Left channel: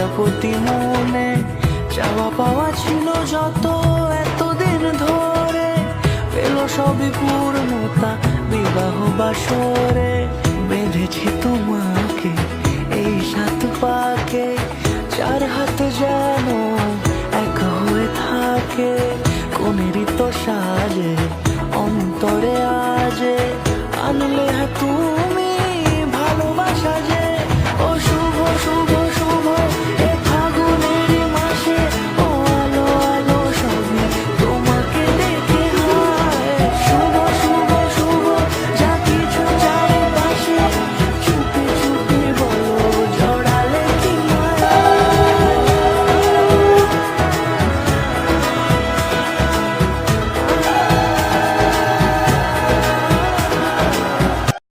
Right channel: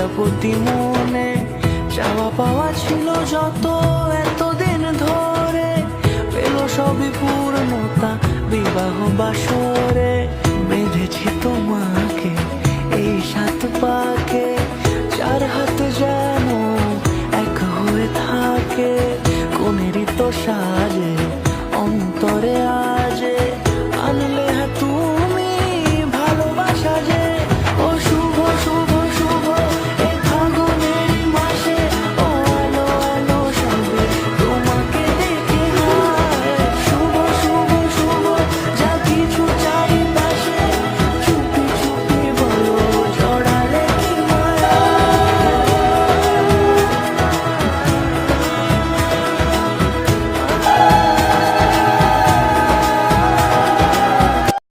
প্রজাপতি মনে চাওয়া পাওয়া ছিল যত এতদিন ধরে, পেল সবই পূর্ণতা বিবাহ বাসরে। বেঁধেছি তোমাকে এই 7 পাকে, 4 হাত যেন এক হয়ে থাকে। কোনেরই তো সাজে অন্তরে আজে আনলে তুমি